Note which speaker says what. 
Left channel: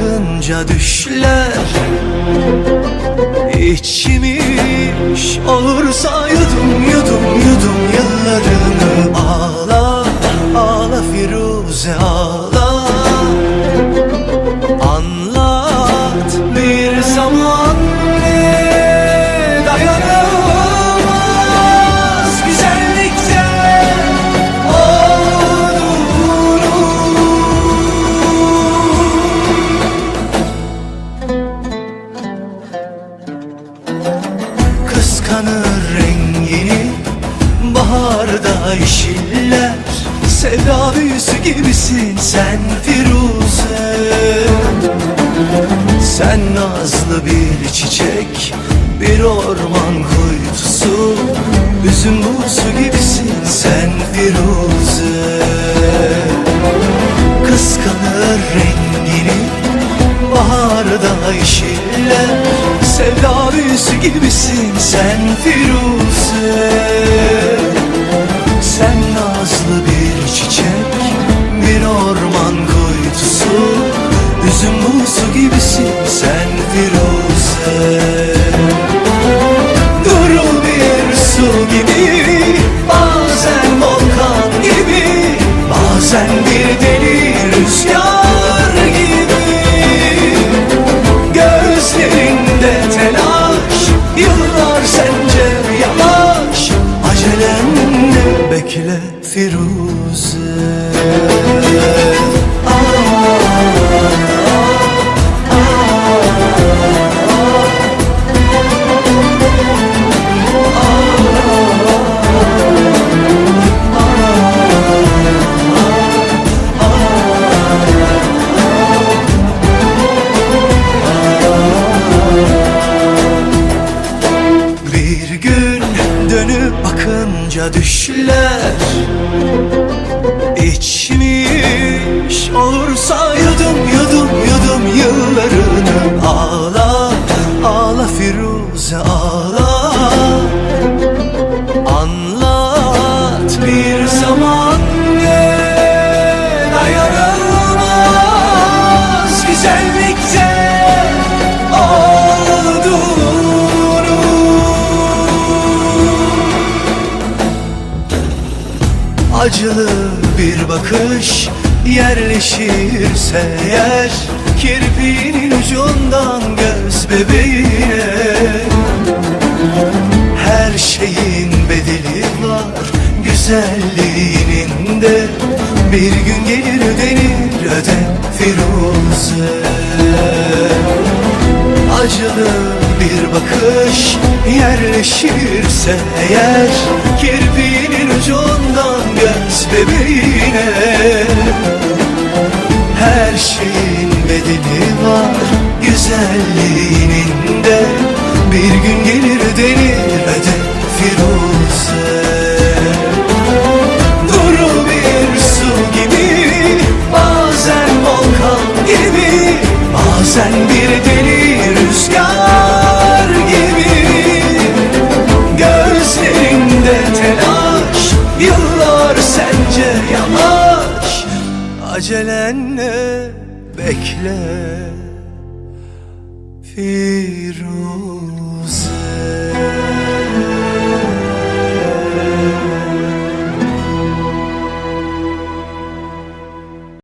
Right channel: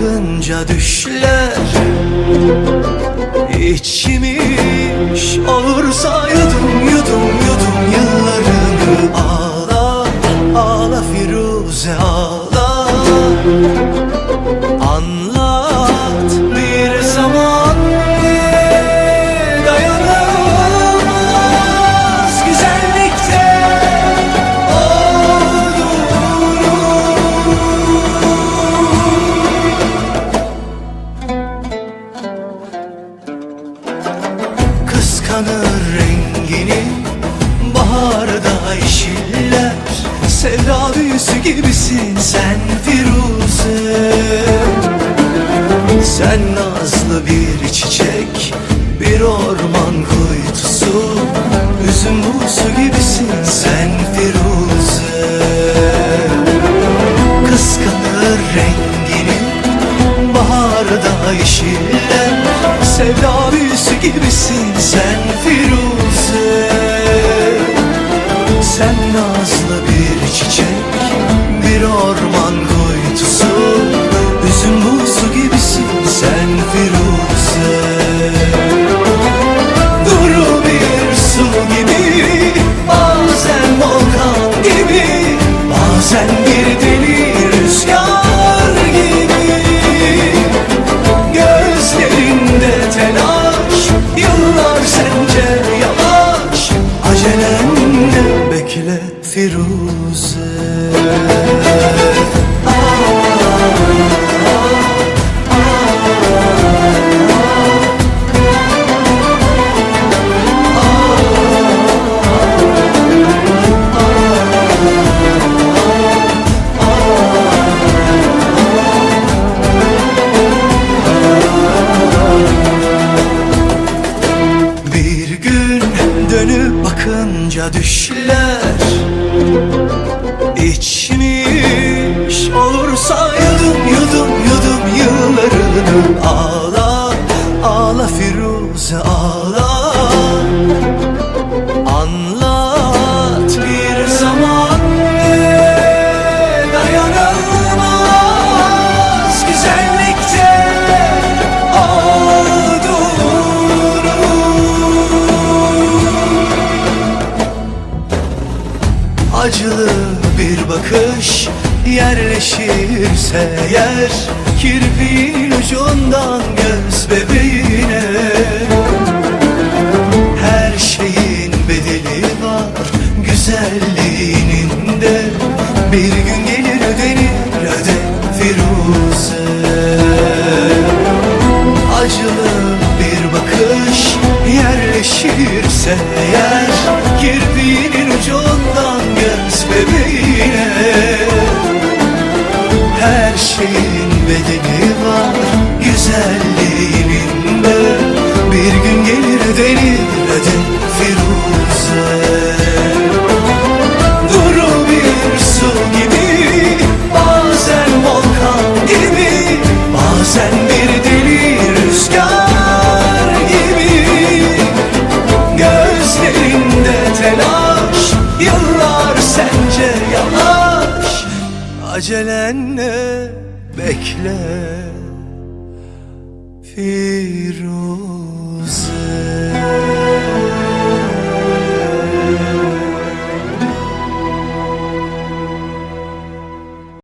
Speaker 1: bakınca düşler. İçmiş olursa yudum yudum yudum yıllarını Ağla ağla Firuze ağla. Anlat bir zaman Kıskanır rengini. Baharda yeşiller Sevda büyüsü gibisin sen Firuze. Sen nazlı bir çiçek Bir orman kuytusu. Üzüm buğusu gibisin sen Firuze. Kıskanır rengini Baharda yeşiller Sevda büyüsü gibisin sen Firuze. Sen nazlı bir çiçek Bir orman kuytusu Üzüm buğusu gibisin sen Firuze. Duru bir su gibi Bazen volkan gibi Bazen bir deli sence yavaş Acelenle bekle Firuze bakınca düşler İçmiş olursa yudum yudum yudum yıllarını Ağla ağla Firuze ağla Acılı bir bakış yerleşirse yer Kirpiğinin ucundan göz bebeğine. Her şeyin bedeli var güzelliğinin de. Bir gün gelir ödenir öde Firuze. Acılı bir bakış yerleşirse eğer Kirpiğinin ucundan göz bebeğine. Her şeyin bedeli var güzelliğinin de. Bir gün gelir denir öde Firuze. Duru bir su gibi Bazen volkan gibi Bazen bir deli rüzgar acelenle bekle. Firuze.